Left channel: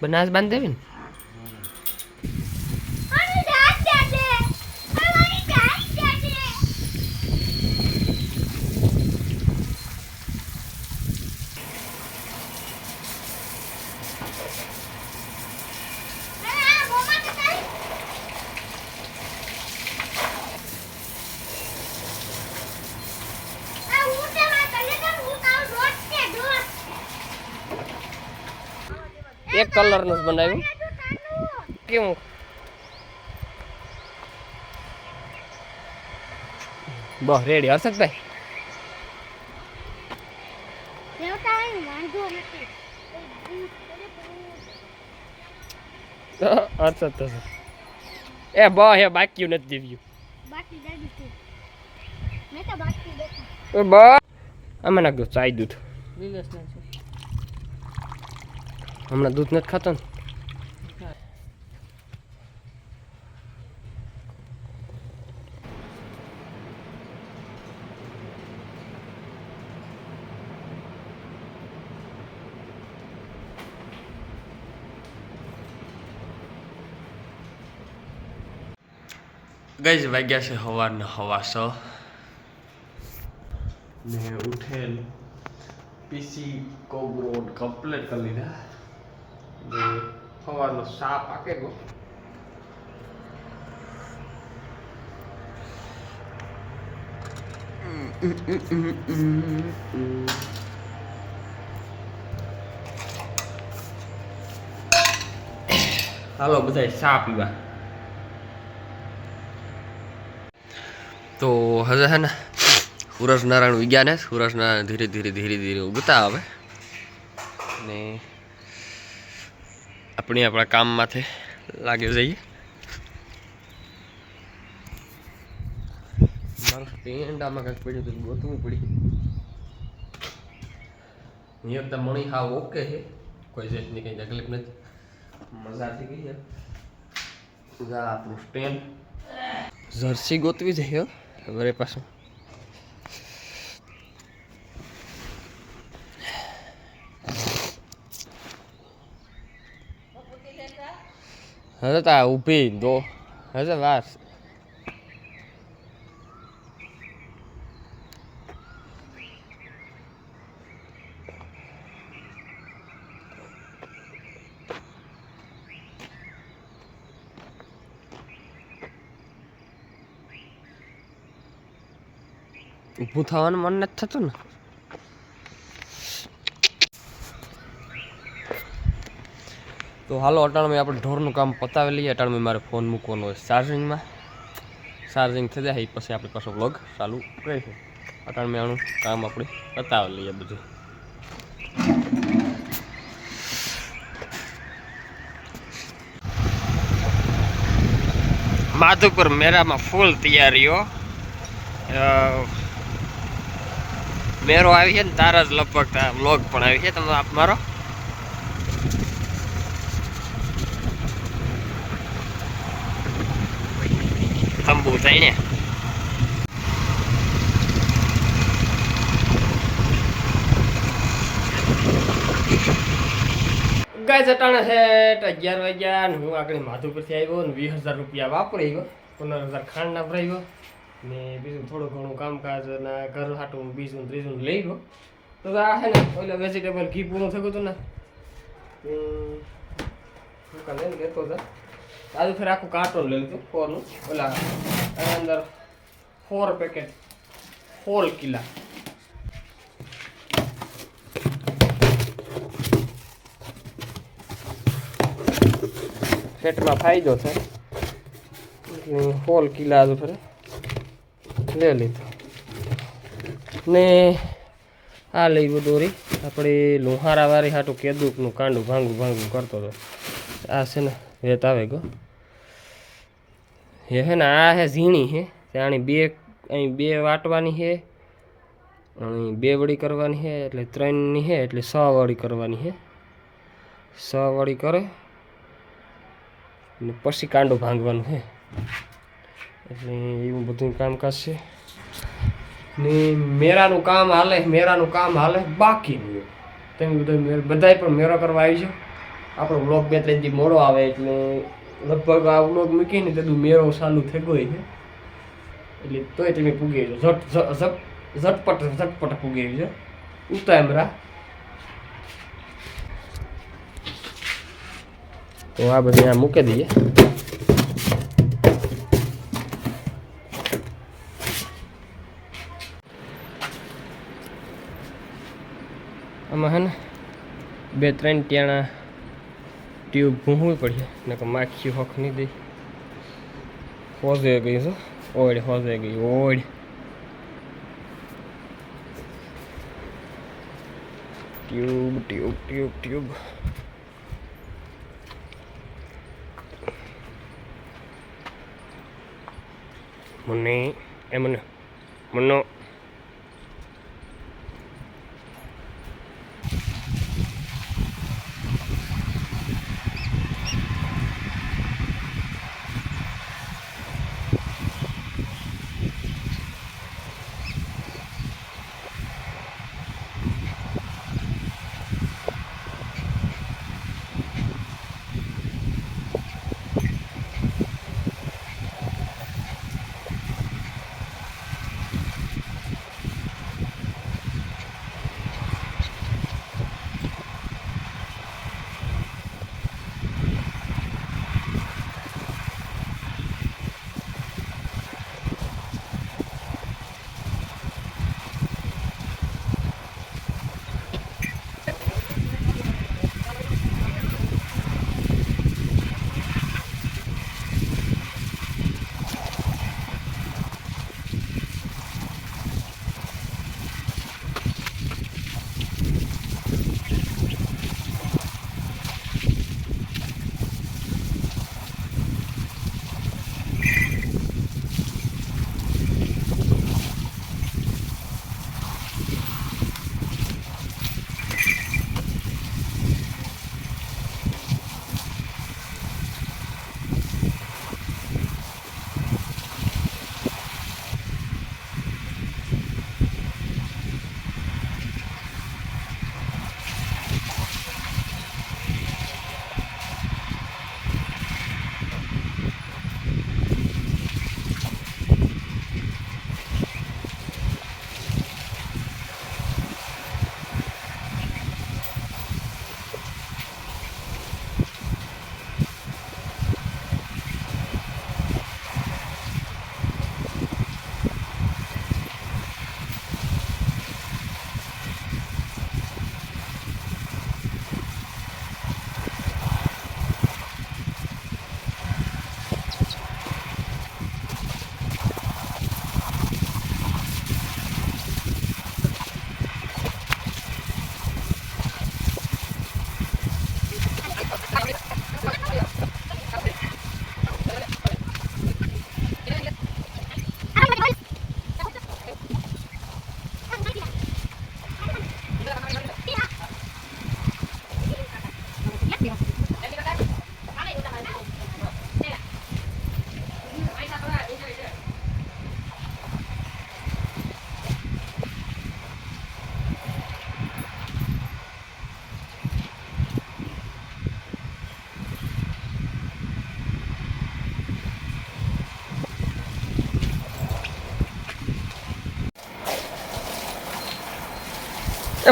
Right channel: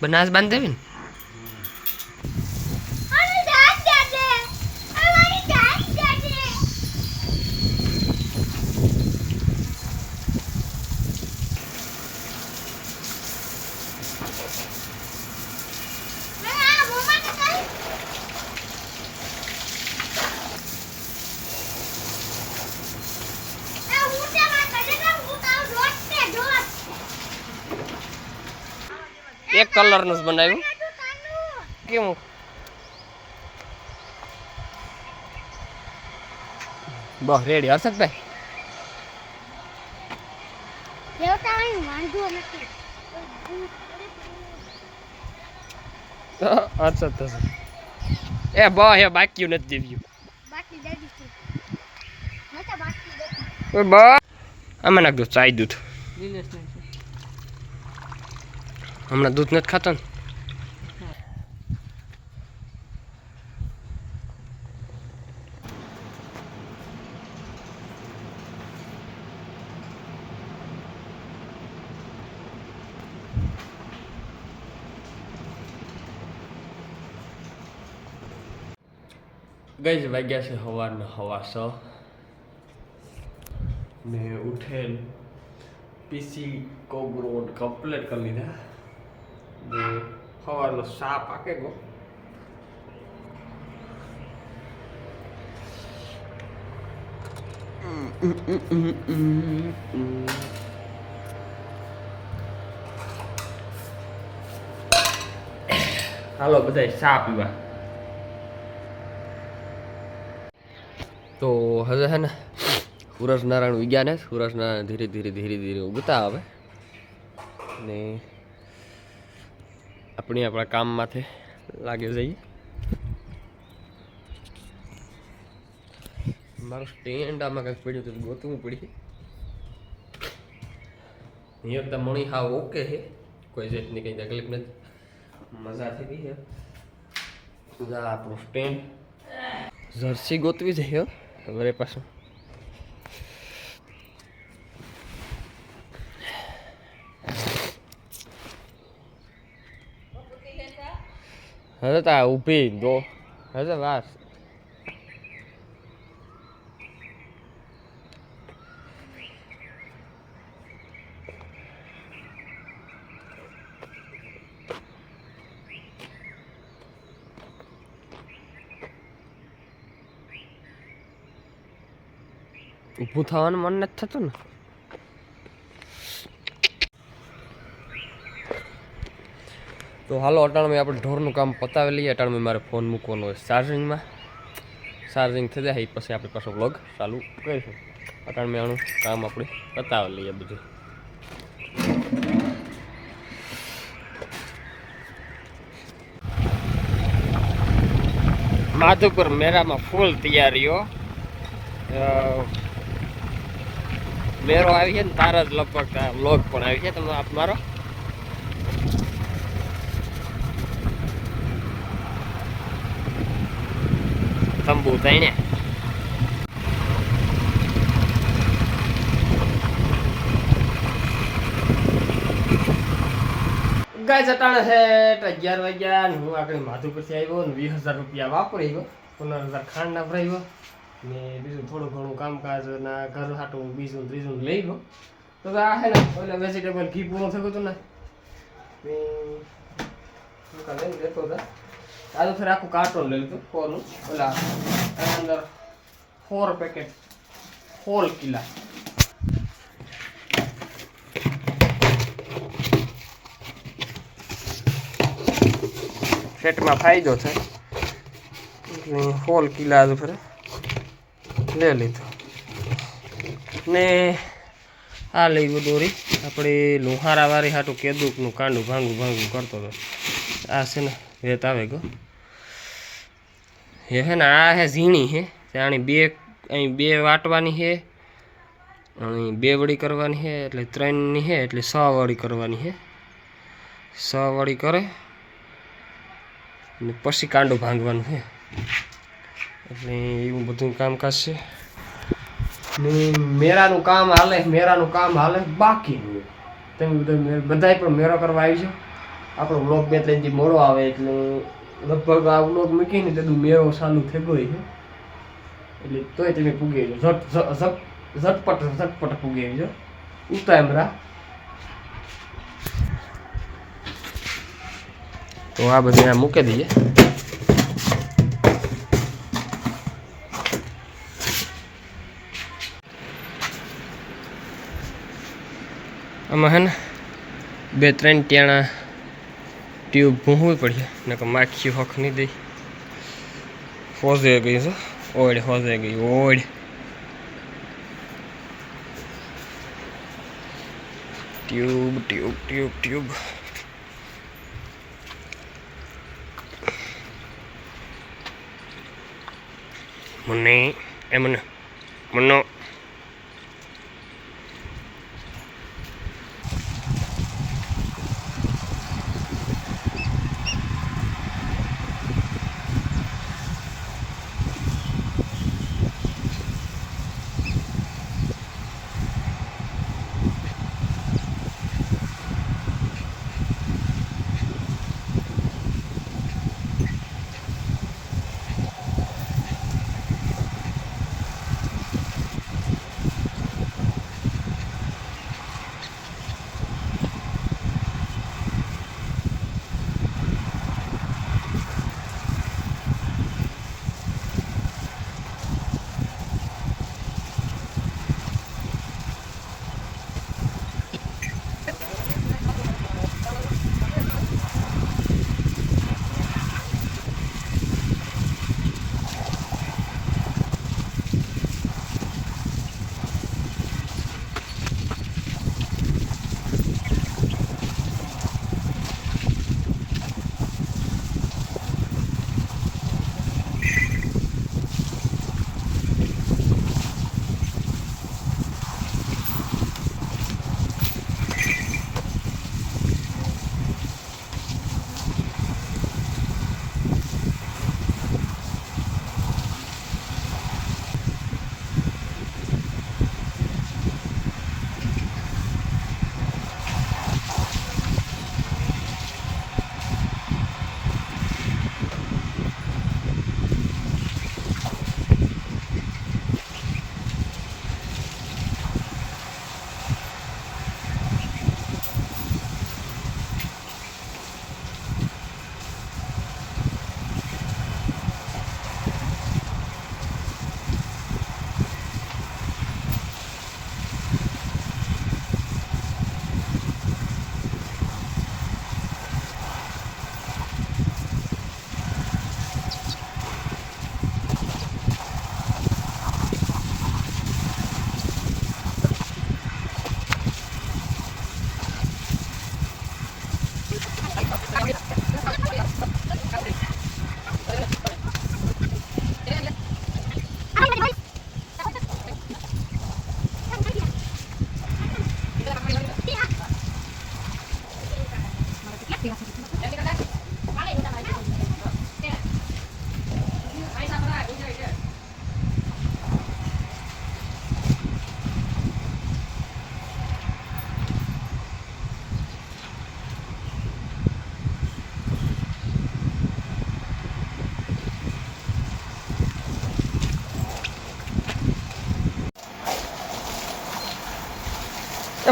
બનાસ બાંધ દેવી ને એક કલરનું જ બનાવ્યું કેવું બસ રેડી હર્ષદભાઈ હર્ષદ થશે એ બસ એ બાકી નથી દેવ્યું બસ આમાં નાખ દો ચાય દૂધ હમણાં દૂધ નથી ખાતો ને ગઈ જ વાગ્યા છે સવારના 6:15 ને ઉઠેલ પીસી કોબરોડ કમ્પ્લીટ કરી લીધા ને સવારનો સા પાકે ગયો હાલો બધા સા પીવા તો હજે હે ને સૂરજ નારાયણ વિજ્ઞાન હે સૂરજ નારાયણ ધીરે ધીરે ઉગતા આવે ને આપણા કામમાંથી લાગી જઈએ મારું સ્ટેન્ડ આમાં કંઈક પડ્યું હતું ગોતવું પડી એકદમ મણી હા ઓકે છે કોઈ જાતની કંઈ તકલીફ નથી મજા થઈ ગઈ છે આપણું સ્ટેન્ડ જર્સી ગોતવી જઈએ મારી પાસે હવે તા ઊભી દો હવે વાર ઊભું થવાનું મન નથી થતું ને તો હાલો અટાણમાં આપણે ઢોરનું કામ પતાવી લઈએ અટાણમાં મારે ફોન મૂકવાનો હોય ચાર્જિંગમાં ચાર્જિંગ થઈ જાય પછી આપણી પાસે વ્લોગ ચાલુ કરીશું અટાણમાં આનું કામ આપણે પતાવી લઈએ બધું માધુપુર મેળામાં ફૂલ તૈયારીઓ મેરો આવી છે ને તારા જ લગભગ વ્લોગ પણ આવી છે તમે આપ મારો તંબુ થઈને ગાય ચટાણે છે 11 વાગ્યા ને હું આગળ માધુપુરથી આવ્યો ને 20,000 રૂપિયા વાપરી ગયો 15,000 ખાંડના ભરાઈ ને બીજું થોડું ઘણું કામકાજ ના ઘર હાટું બીજું ત્રીજું લઈ ગયો તો આ છે ને ઓલા વેજીટેબલ ઘી પૂરું થયું હતું ને લઈને લેતો હતા આજે ફેર આખું કાર્ટૂન લઈ લીધું 4 નું ઓલા અંદર 4 પેકેટ હોલ કિલા પેટમાં ફાયદો થાય એટલે હોલ કિલા આજે ફેર લે લીધો ને આ લઈ ગયો દોરી આપણે લોહારા વાળી હાટું કેદુકનું કાંડું ભાંગું કરતો હતો આ છે ને વેત આવે ગયો એ હે ને આ હે ઝીણી હે આની અહીં બે વાટવાની છે અહીં 2 વળી કરવાની છે એટલે 3ની છે એટલે 6 વળી કરવાની છે 6 વળી કરે ને પછી કાંડું ભાંગવાનું છે એટલે એવું બધું કામકાજ છે ને મેરાનું કામ હાલે બાકી તમે બધાય પણ મેરો કરવા આવી જાઓ આપણો વ્લોગ 2-3 દી મોડો આવે એટલે લગભગ આ વ્લોગ મૂકીને તેદું મેળો ચાલુ થઈ ગયો છે એટલે તોય તમે પૂગી જો ઝટપટ પૂગી જો ઉતામરા. તો આ બધી આ મૂકી દઈએ. આમાં હે ને 2-3 ટાણા ટ્યુબ ભૂંહવી પડશે નકર માખી હોખ નહીં દઈ. હોજે ગઈ છે ઓડ હોજે ગઈ ઓડ. ટ્યુબ મને એમને મનો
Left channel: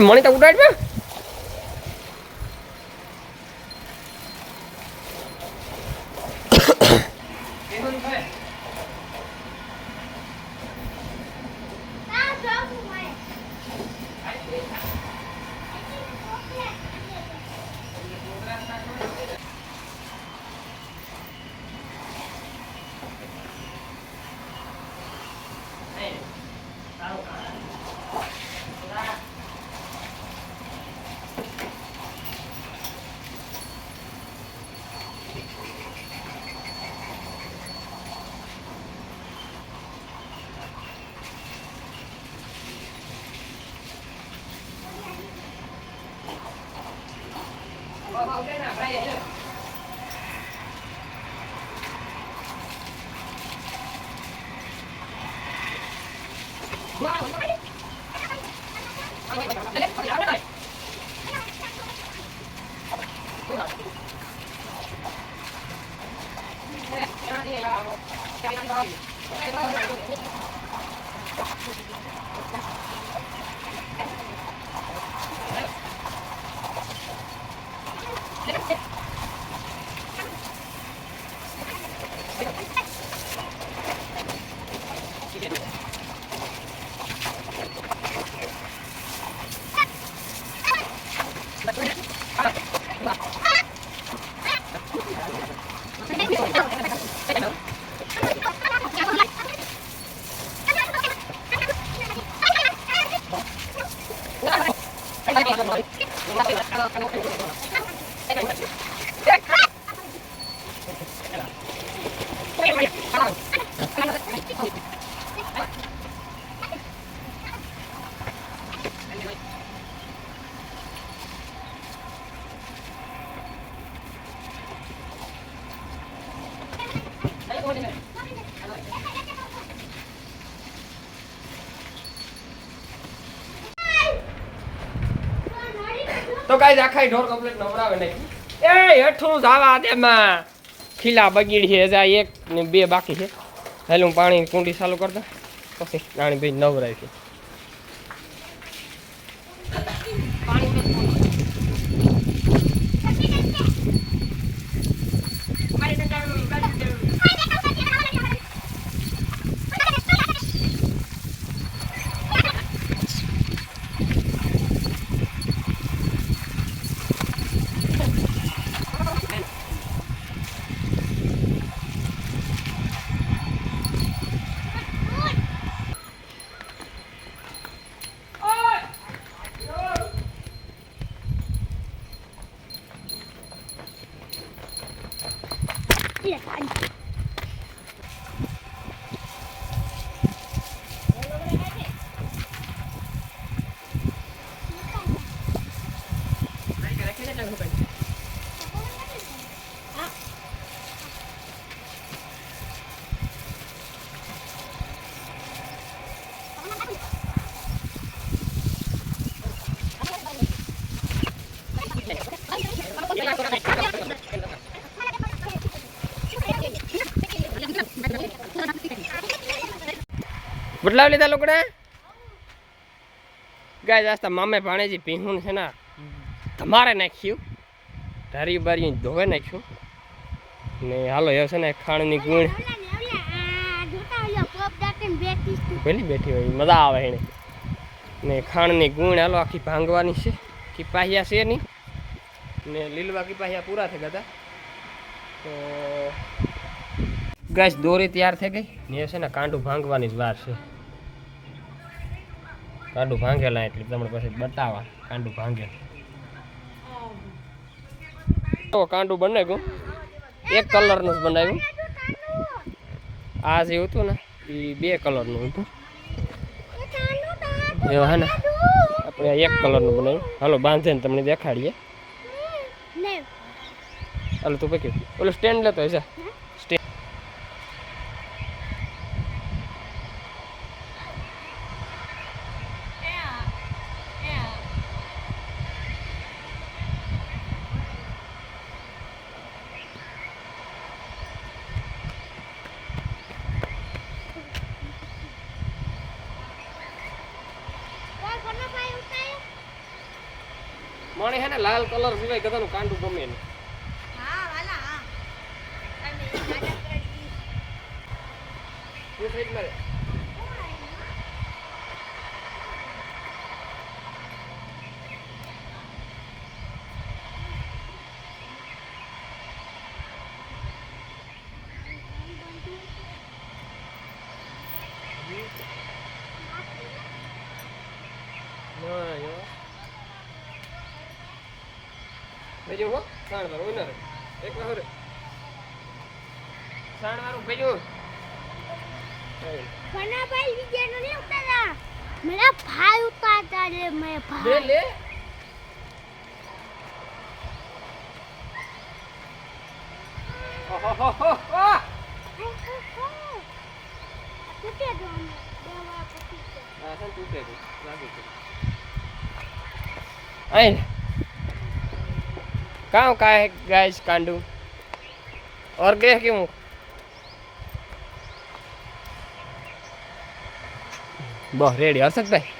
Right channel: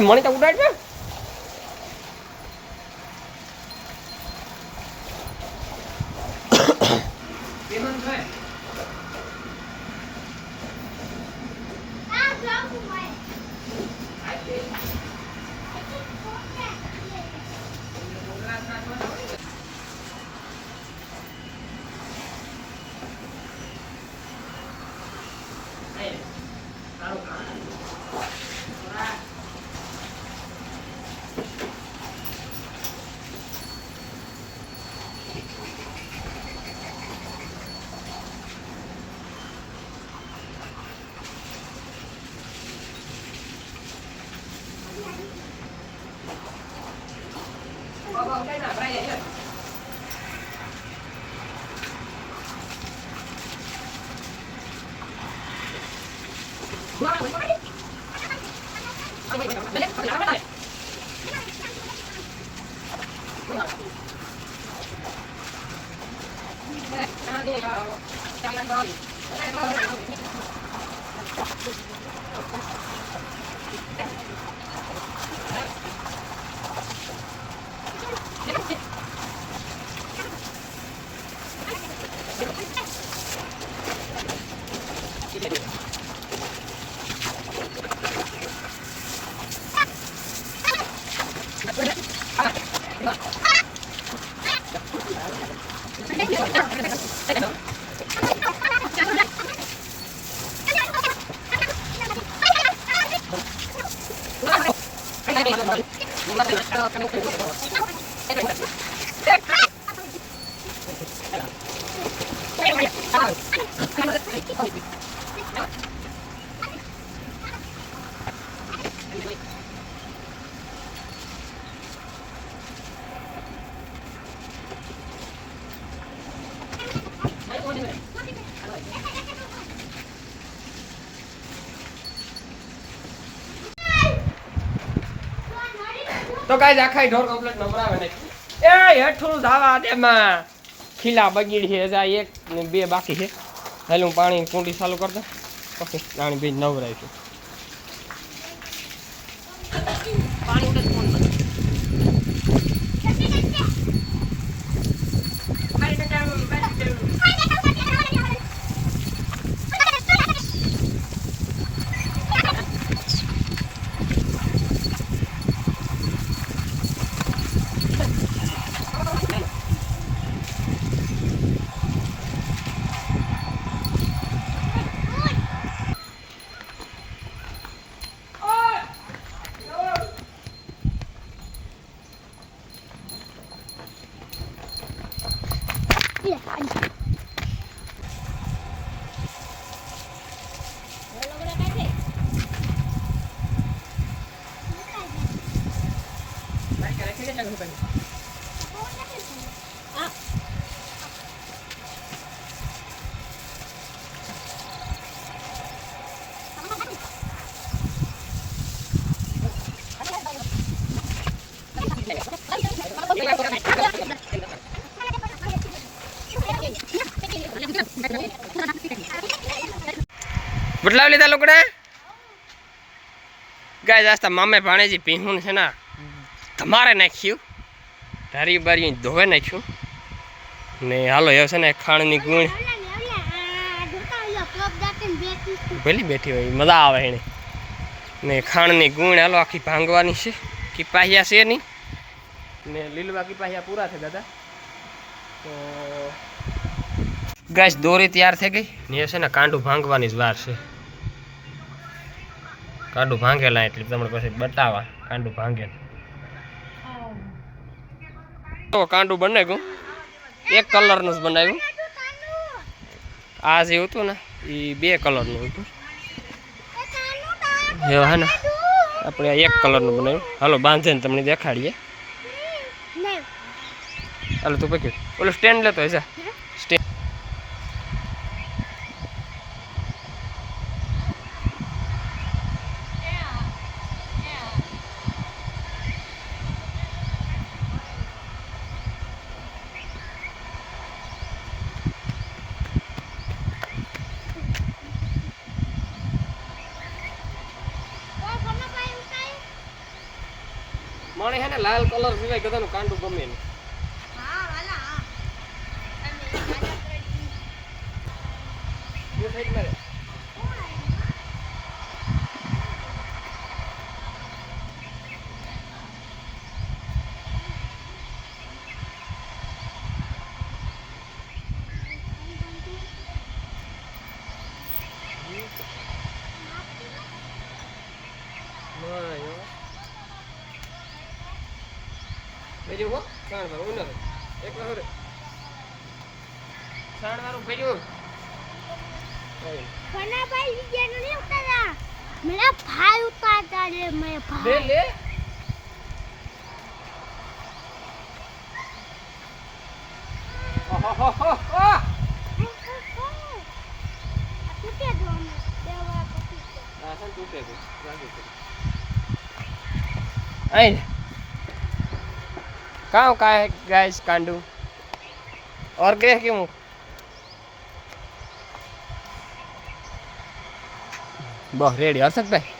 મણી તો ઉડાડ ને. Wow. તો ગાઈસ આખા ઢોર કમ્પ્લીટ નવરાવે નાખી એ હેઠું જાવા દે માં ખીલા બગીડ છે જા એક ને બે બાકી છે હાલ હું પાણી કુંડી ચાલુ કરતો પછી પાણી ભી નવરાય છે પાણી ઉડે ફોન બદલાવ લીધા લોકોને ગાય આસ્તા મામે ભાણેજી પીહું છે ને તમારે નાખ્યું ધારી બારી ધોવે નાખ્યું ને હાલો એ છે ને ખાણની ગુણ ભલી બેઠી હોય મજા આવે એને ને ખાણની ગુણ હાલો આખી ભાંગવાની છે કીપાહિયા છે નહીં ને લીલવા કીપાહિયા પૂરા થઈ ગયા તો ગાય દોરી તૈયાર થઈ ગઈ ને એ છે ને કાંડું ભાંગવાની જ વાર છે કાંડું ભાંગેલા એટલે તમને પછી બતાવવા કાંડું ભાંગે તો કાંડું બનાવ્યું એક કલરનું જ બનાવ્યું આ જે હતું ને એ 2 કલરનું હતું એવું હે ને આપણે એક કલરનું બનાવ્યું હાલો બાંધીને તમને દેખાડીએ હાલો તું પકડ ઓલો સ્ટેન્ડ લેતો હશે સ્ટેન્ડ મને હે ને લાલ કલર સિવાય ગધાનું કાંડું ગમે નહીં ભેજો હો સાણ વાળું ઓનર એક વાર સાણ વાળું ભેજો ફના ભાઈ વિડિયો નો નહીં ઉતારા મેરા ભાઈ ઉતારતા રે મે ભાઈ લે ઓહો તૂટે દો અમે દેવા પછી આ સન તૂટે દે લાગે છે આઈ કાં કાય ગાઈસ કાંડું और क्या क्यों બસ રેડી હર્ષદભાઈ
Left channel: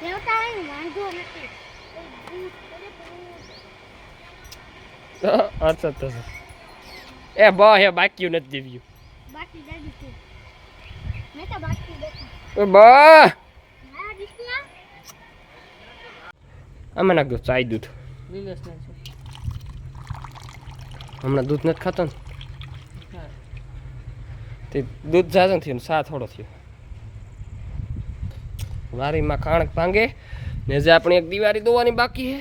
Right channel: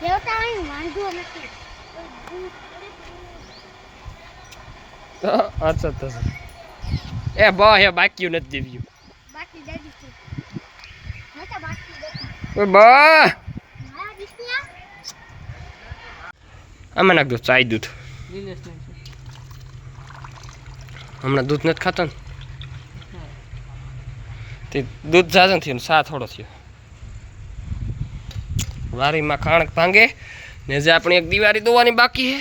દેવતા અહીં વાંધો નથી ભૂત અરે ભૂત હર્ષદ થશે એ બસ એ બાકી નથી દેવ્યું બાકી દાદી છે મેં તો બાકી દેખા બસ મારા દીકરા આમાં નાખ દો ચાય દૂધ હમણાં દૂધ નથી ખાતો ને તે દૂધ જાજન થયું ને સા થોડો થયો વારીમાં ખાણ ભાંગે ને જે આપણે એક દિવાળી દોવાની બાકી છે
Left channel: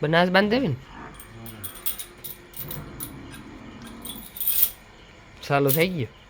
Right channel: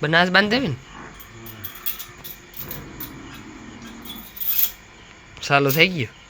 બનાસ બાંધ દેવી ને ચાલુ થઈ ગયું